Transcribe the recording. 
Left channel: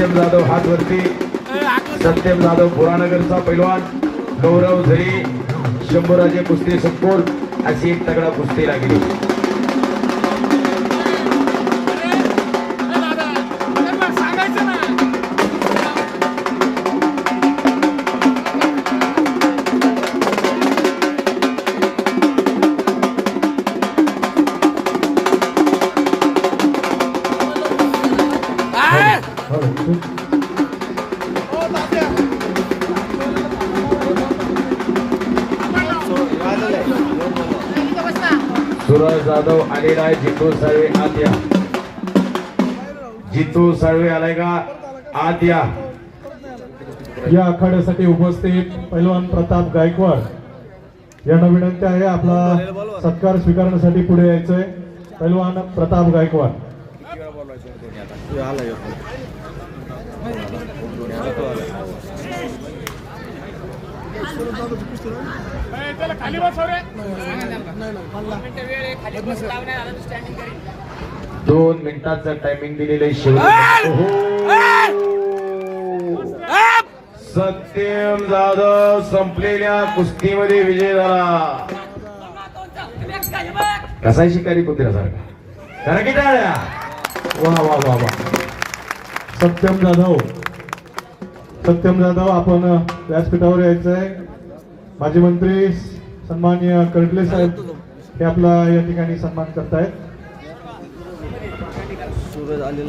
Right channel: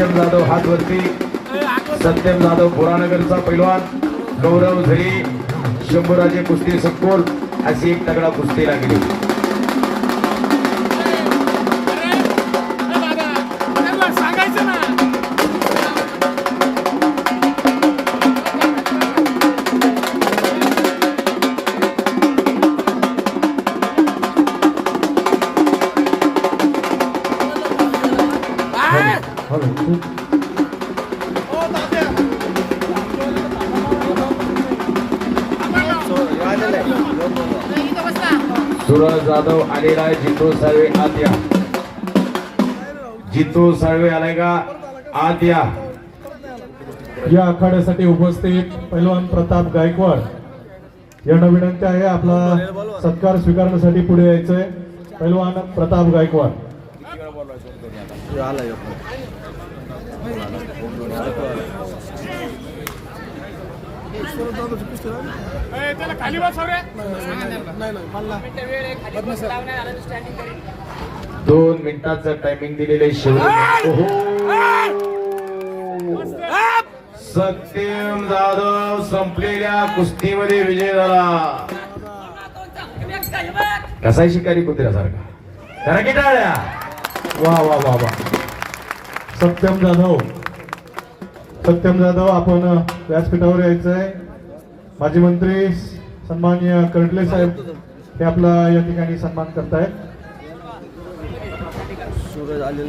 सत्यम जाधव हात वरती. सत्यम जाधव पुराणगरचा पैलवान. गौरव झरी शंभूराजे कुस्ती संकुल. अशी एक तगडा कुस्ती लागली. Hey! सुरज जाधव आलेला आहे जितू साळवे आत या जितू साळवे आलाय का? आत या या आखाड्यासाठी उपस्थित पैलवान प्रताप गायकवाड. यांना विनंती आहे आपला सत्कार स्वीकारण्यासाठी पुढे यायचंय. पैलवान प्रताप गायकवाड. खाली बसवूया दोन मिनिटाचं टायमिंग दिलेलं आहे शेवट. सत्यम जाधव संपलेल्या कुस्तीमध्ये विजय झाला. कसा शिकारी कुत्र्यासारखा. करा की टाळ्या. वा वा वा वा. सत्यम जाधव. सत्यम जाधव आपण व्यासपीठावर यायचंय. माजी मंत्री सन्माननीय कर्डले साहेब हे आपला या ठिकाणी सन्मान करतायत. सूरज आलेला